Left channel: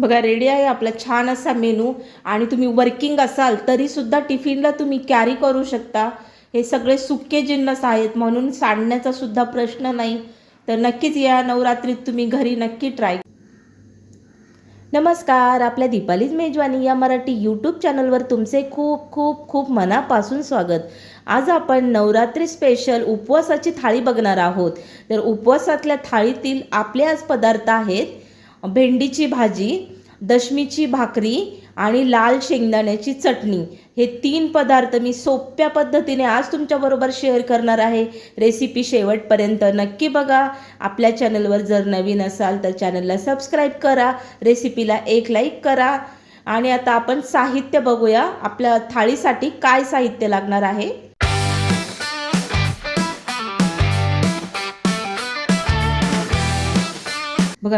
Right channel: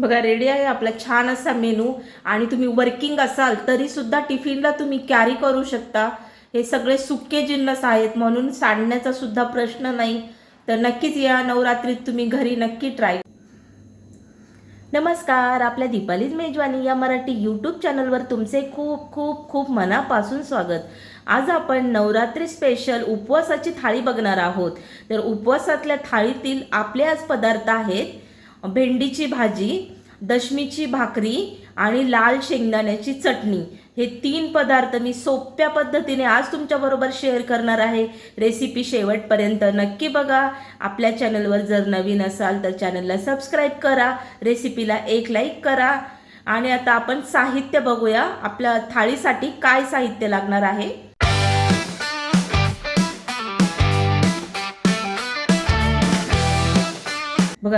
बघा रेडी आहे आपला छान असा मेनू आणि तुम्ही वर्किंग असाल तरीसुद्धा टिफिनला तुम्ही कॅरी करू शकता. हे सगळे सुके जिन्नस आहेत म्हणून सांडण्याचा सुद्धा प्रश्न नाही. तर नक्कीच या नवरात्रीत तुम्ही घरी नक्की ट्राय नमस्कार आपल्या दीपालीज मेजवानी या मराठी यूट्यूब चॅनलवर तुमचे खूप खूप खूप मनापासून स्वागत. आज आपण नवरात्री स्पेशल उपवासाची थाळी बघणार आहोत. तर उपवासातल्या थाळीतील आपले आज पदार्थ आहेत भेंडीची भाजी दशमीची भाकरी आणि लाल शेंगदाण्याची चटणी. हे तीन पदार्थ मी सोप्या पद्धतीने आज तुमच्याबरोबर शेअर करणार आहे. रेसिपी शेवटपर्यंत नक्की बघा. आपल्या चॅनलवर जर नवीन असाल तर चॅनलला सबस्क्राईब करा. रेसिपीला एक लाईक करा. आणि आता आपण साहित्य बघूया. आपल्या थाळीसाठी काय साहित्य लागणार आहे?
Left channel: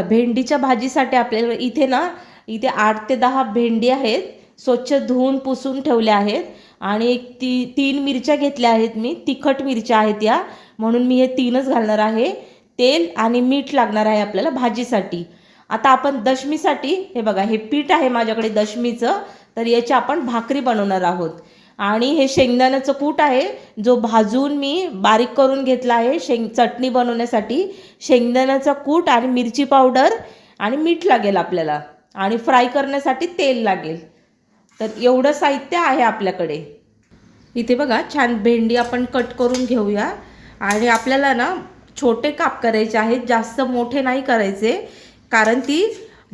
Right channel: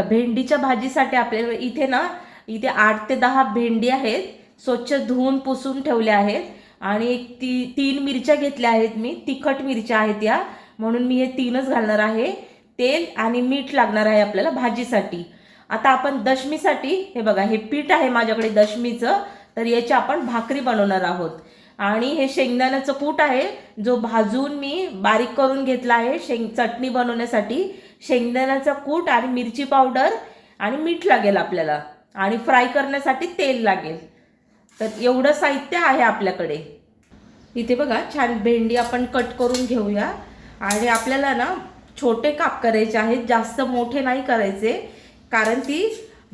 भेंडीच्या भाजीसाठी आपल्याला इथे ना इथे आठ ते दहा भेंडी आहेत स्वच्छ धुवून पुसून ठेवल्या आहेत. आणि एक ती तीन मिरच्या घेतल्या आहेत मी तिखट मिरच्या आहेत या. म्हणून मी हे तीनच घालणार आहे. तेल आणि मीठ लागणार आहे आपल्याला भाजीसाठी. आता आपण दशमीसाठी हे बघा हे पीठ आहे माझ्याकडे दशमीचं तर याची आपण भाकरी बनवणार आहोत. आणि हे शेंगदाण्याचं कूट आहे जो भाजून मी बारीक करून घेतला आहे शेंग चटणी बनवण्यासाठी. शेंगदाण्याचा कूट आणि मिरची पावडर आणि मीठ लागेल आपल्याला. आणि फ्राय करण्यासाठी तेल लागेल. तर एवढं साहित्य आहे आपल्याकडे. इथे बघा छान भेंडी आपण कट करून घेऊया. आणि आपल्याला ना छोटे काप करायचे आहेत जास्त मोठे नाही करायचे. कारण ती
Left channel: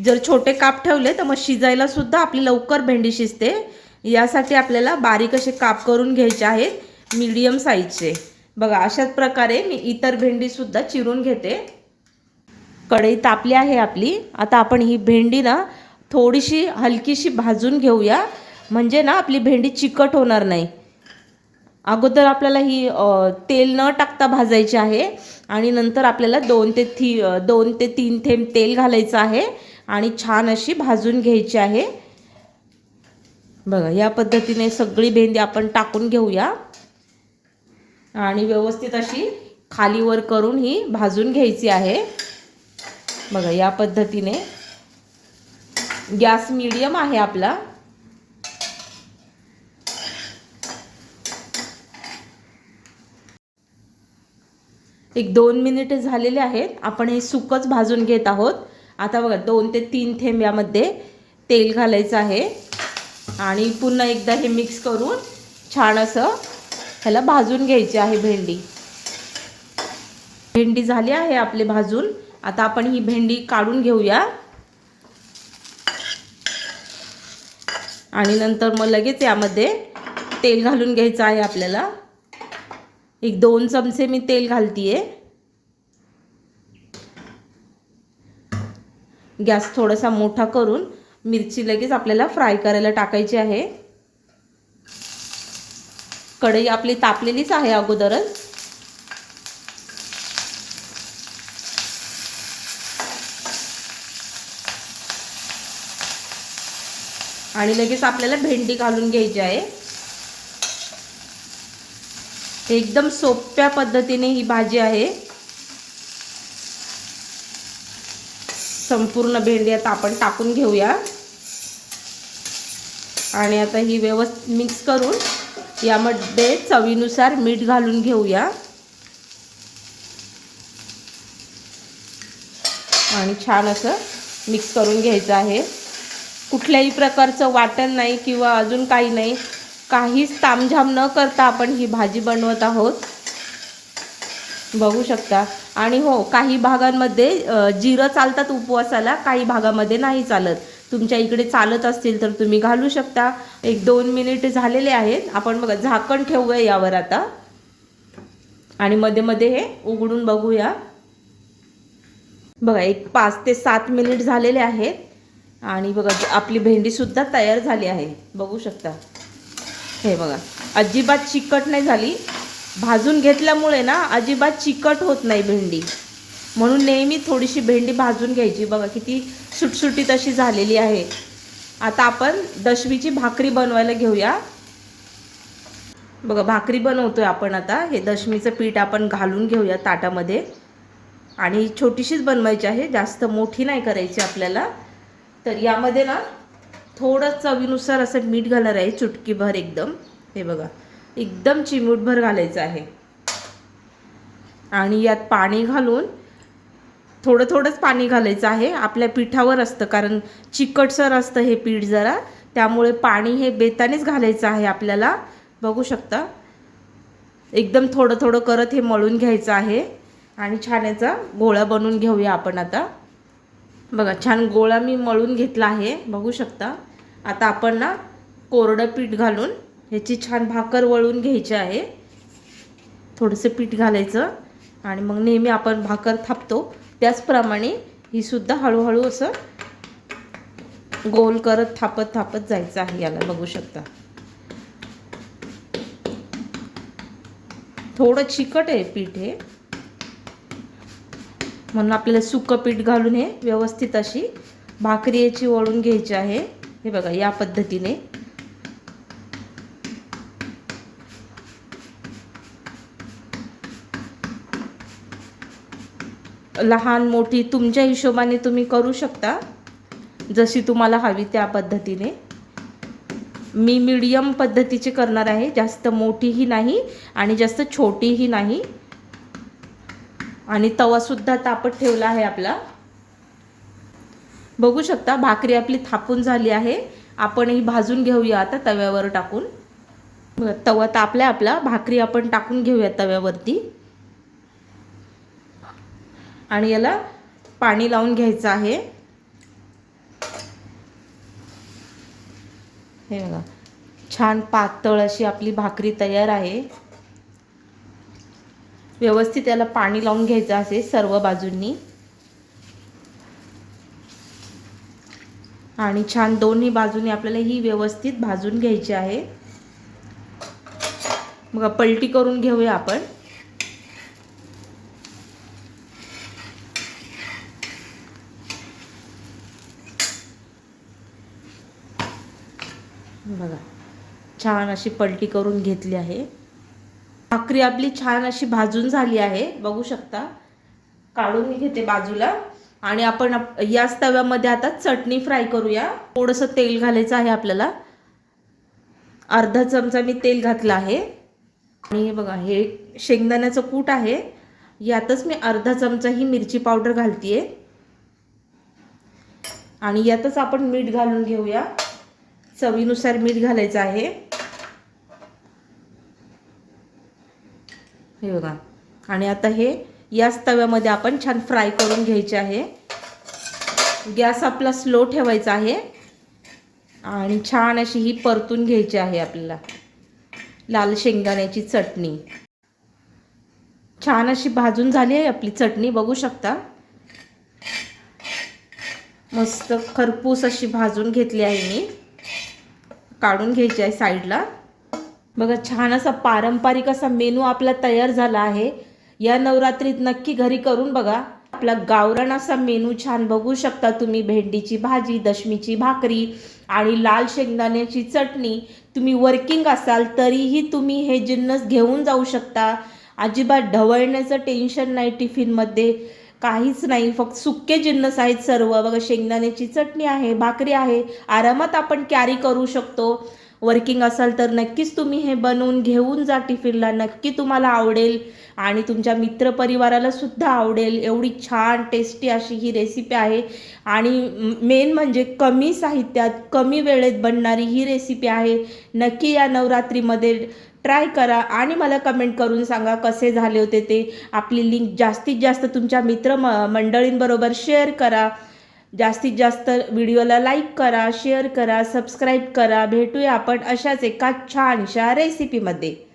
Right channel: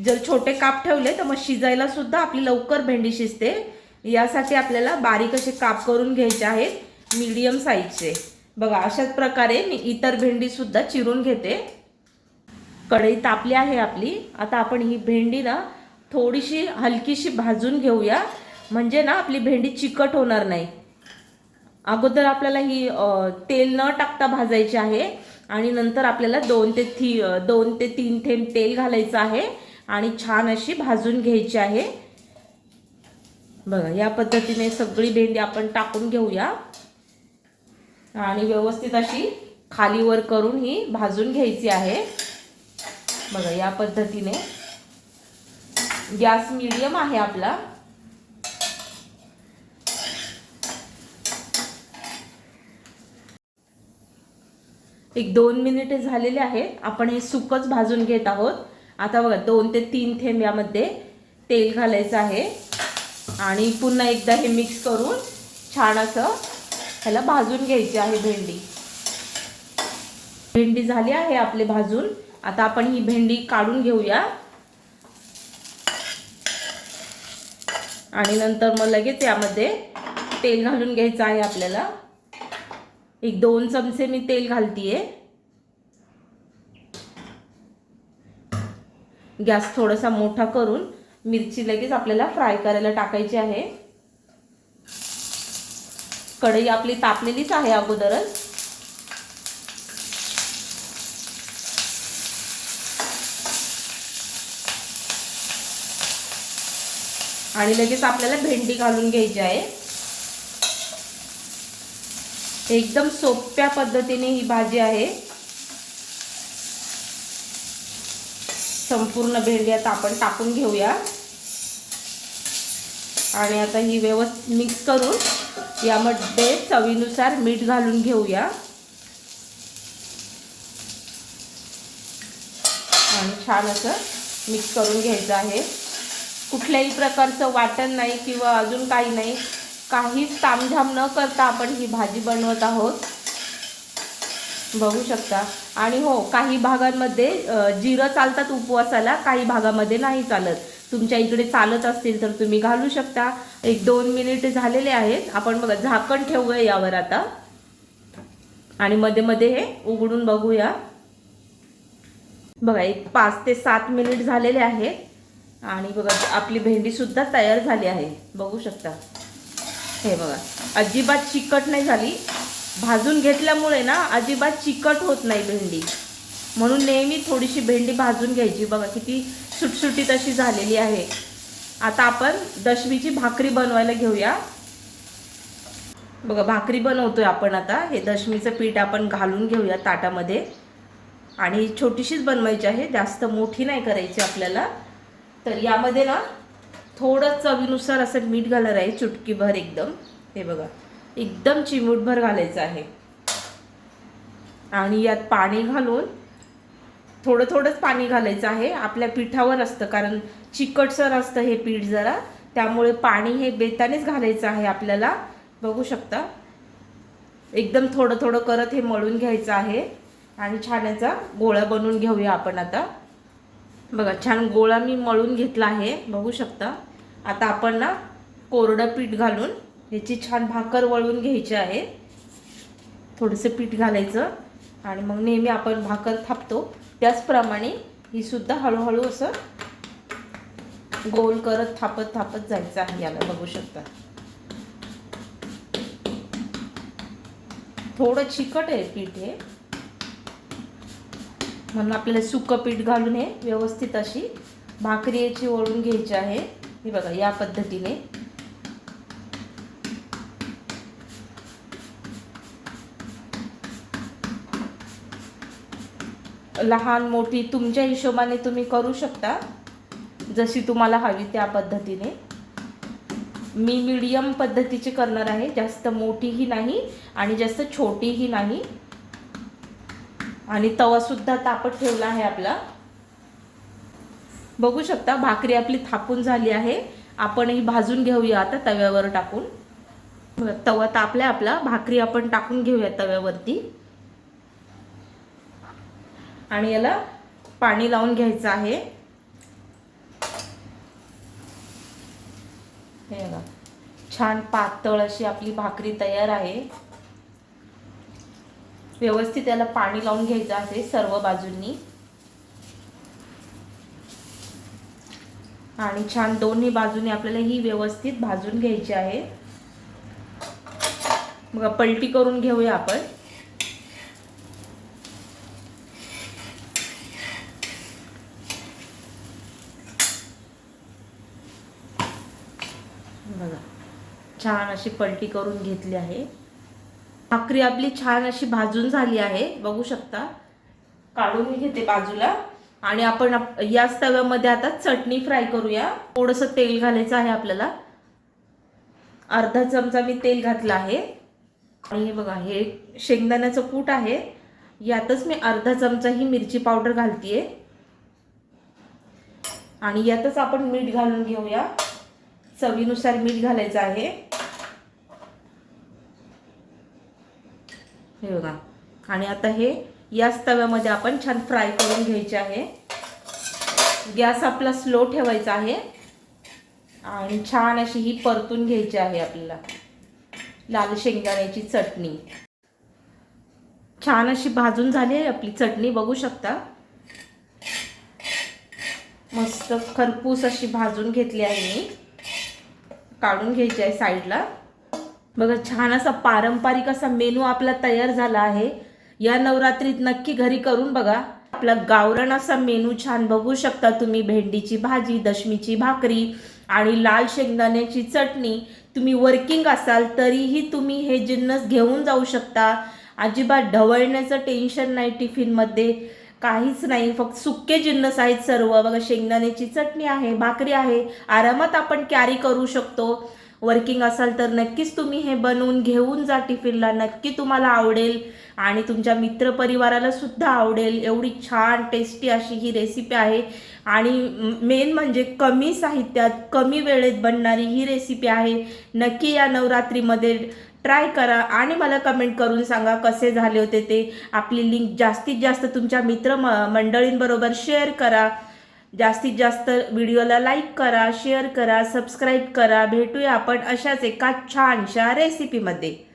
जर छोटे काप ठेवले तर मग शिजायला सुद्धा आपली लवकर भेंडी शिजते. यासाठी आपल्याला बारीक असे काप करून घ्यायचे आहेत मीडियम साईजचे बघा अशाच प्रकारे मी इतर भेंडीसुद्धा चिरून घेते. कढई तापली आहे आपली. आता आपण ही भेंडी ना थोडीशी हलकीशी भाजून घेऊया. म्हणजे ना आपली भेंडी चिकट होणार नाही. अगोदर आपल्याला ही तेल न टाकता भाजायची आहे. आणि नंतर आपल्याला दोन ते थी दोन ते तीन थेंब तेल घालायचं आहे. आणि छान अशी भाजून घ्यायची आहे. बघा या पद्धतीने सगळी भेंडी आपण टाकून घेऊया. आणि व्यवस्थित अशी खालीवर करून ही भाजून घ्यायची आहे. बघा या पद्धतीने. गॅस मीडियम आहे आपला. एक दोन मिनिटे झालेले आहेत. आपण हे सुकच भाजून घेत आहोत. आता बघा दोन ते तीन थेंब यामध्ये तेल घालायचं आहे. आणि पुन्हा एकदा हे मिक्स करून छान असं ह्याला भाजून घ्यायची आहे भेंडी. भेंडी झाली आहे आपले भाजून. आता आपण ही भेंडी काढून घेऊया. आणि नंतर मग लगेच यामध्ये तेल घालून घ्यायचं आहे आपल्याला. एक दोन चमचे मी तेल घालतीये. गॅस थोडासा मोठा करून मिरची लगेच आपल्याला फ्राय करायला टाकायची आहे. कढई आपली तापलेलीच आहे अगोदरच. आणि लगेच आपल्याला भेंडी घालून घ्यायची आहे. एकदम सोप्या पद्धतीने ही भाजी आहे. संपूर्ण भेंडी आता आपण टाकून घेऊया. आणि आता ही व्यवस्थित मिक्स करून यामध्ये चवीनुसार मीठ घालून घेऊया. आणि छान असं मिक्स करून घ्यायचं आहे. कुठल्याही प्रकारचं वाटण नाही किंवा अजून काही नाही. काहीच तामझाम न करता आपण ही भाजी बनवत आहोत. बघू शकता. आणि हो काही भागांमध्ये जिरं चालतात उपवासाला काही भागामध्ये नाही चालत. तुमच्या इकडे चालत असतील तर तुम्ही घालू शकता. एक दोन मिनिट झालेले आहेत. आपण बघा झाकण ठेवूया यावर आता. आणि मध्ये मध्ये हे उघडून बघूया. बघा एक पाच ते सात मिनिट झालेले आहेत. आणि बघा आपली भेंडीसुद्धा तयार झाली आहे. बघू शकता. हे बघा अजिबात चिकट नाही झाली. भाजून घेतल्यामुळे ना अजिबात चिकट होत नाही भेंडी. म्हणून नेहमी थोडीशी भेंडी भाजून घ्यायची. बघा किती सुटसुटीत अशी झालेली आहे. आता आपण दशमीची भाकरी बनवायला घेऊया. बघा भाकरी बनवतोय आपण आता. हे दशमीचं पीठ आपण घालून घेऊया ताटामध्ये. आणि छोटीशीच बनवायची आहे. जास्त मोठी नाही करायची आपल्याला. तर यामध्ये ना थोडं चवीनुसार असं मीठ घालणार आहे चुटकीभर एकदम. हे बघा एकदम चिमूटभर घालायचं आहे. आणि यात पाणी घालून थोडं थोडंच पाणी घालायचं आहे. आपल्या पिठावर असतं कारण चिकटसर असतं हे पीठ जरा. त्यामुळे पाणी हे बेतानेच घालायचं आहे आपल्याला. बघू शकता. एकदम थोडं थोडं करत हे मळून घ्यायचं आहे. आणि छान याचा गोळा बनवून घेऊया आपण आता. बघा छान गोळा मी मळून घेतला आहे. बघू शकता. आता आपण ना कोरडं पीठ घालून ह्याची छान भाकर वळून घ्यायची आहे. थोडंसं पीठ घालायचं. आणि मग नेहमी आपण भाकर थापतो. त्याचप्रमाणे ही सुद्धा हळूहळू असं गोल करत थापत थापत जायचं आहे याला बघू शकता. थोडं चिकट आहे पीठ हे. म्हणून आपल्याला सुकं पीठ घालून हे व्यवस्थित अशी भाकरी याची वळून घ्यायची आहे. हे बघा या पद्धतीने. लहान मोठी तुमच्या हिशोबाने तुम्ही करू शकता जशी तुम्हाला हवी त्या पद्धतीने. मी मीडियम पद्धतीची करणार आहे जास्त मोठीही नाही आणि जास्त छोटीही नाही. आणि तवासुद्धा तापत ठेवला आहे आपला. बघू शकता भाकरी आपली थापून झाली आहे. आपण ही भाजून घेऊया आता तव्यावर टाकून. तवा तापला आपला भाकरी आपण टाकून घेऊया तव्यावरती. आणि याला पाणी लावून घ्यायचं आहे. हे बघा छान पातळ अशी आपली भाकरी तयार आहे. व्यवस्थित याला पाणी लावून घ्यायचं असे सर्व बाजूंनी. आणि छान दोन्ही बाजूने आपल्याला ही व्यवस्थित भाजून घ्यायची आहे. मग पलटी करून घेऊया आपण बघा छान अशी पलटी करून घेतली आहे. भाकरी आपली छान अशी भाजून झाली आहे. बघू शकता. काढून घेते बाजूला. आणि आपण याच तव्यामध्ये आता चटणी फ्राय करूया. थोडंसं तेल घालायचं आहे आपल्याला. अर्धा चमचा मी तेल घातलं आहे. आणि हे बघा हे शेंगदाण्याचं कूट आहे. यातच मी अर्धा चमचा ही मिरची पावडर घालतीये. आणि यातच आपण मीठ घालून घेऊया. चवीनुसार मीठ घालायचं आहे. हे बघा. आणि आता हे याच तव्यामध्ये आपण छान फ्राय करून घ्यायचे आहे. गॅस आपला स्लो ठेवायचा आहे. आणि छान अशी ही परतून घ्यायची आहे आपल्याला. लाल शेंगदाण्याची चटणी. छान अशी भाजून झाली आहे आपली चटणी बघू शकता. मस्त खरपूस अशी भाजून घेतली आहे मी. काढून घ्यायची आहे साईडला. बघा छान असा पारंपरिक असा मेनू आपला तयार झाला आहे. या नवरात्रीत नक्की घरी करून बघा. आपला गावरण असा मेनू छान बघू शकता तुम्ही. भेंडीची भाजी दशमीची भाकरी आणि लाल शेंगदाण्याची चटणी. तुम्ही वर्किंग असाल तरीही तुम्ही हे जिन्नस घेऊन जाऊ शकता. अजिबात ढवळण्याचं टेन्शन नाही टिफिनमध्ये काहीच नाही फक्त सुके जिन्नस आहेत सर्व. बघा शेंगदाण्याची चटणी आहे भाकरी आहे. आरामात आपण कॅरी करू शकतो. वर्किंग असाल तर नक्कीच तुम्ही हे बनवून घेऊन जा टिफिनला. नक्की तुम्हाला आवडेल आणि तुमच्या मित्रपरिवाराला सुद्धा आवडेल. एवढी छान टेस्टी अशी ही रेसिपी आहे. आणि मेन म्हणजे कमी साहित्यात कमी वेळेत बनणारी ही रेसिपी आहे. नक्की या नवरात्रीमध्ये ट्राय करा आणि मला कमेंट करून सांगा कसे झाले होते ते. आपली लिंक जास्तीत जास्त तुमच्या मित्र म मंडळींबरोबर शेअर करा. जास्तीत जास्त व्हिडिओला लाईक करा शेअर करा सबस्क्राईब करा. भेटूया आपण अशाच एका छानशा रेसिपीमध्ये.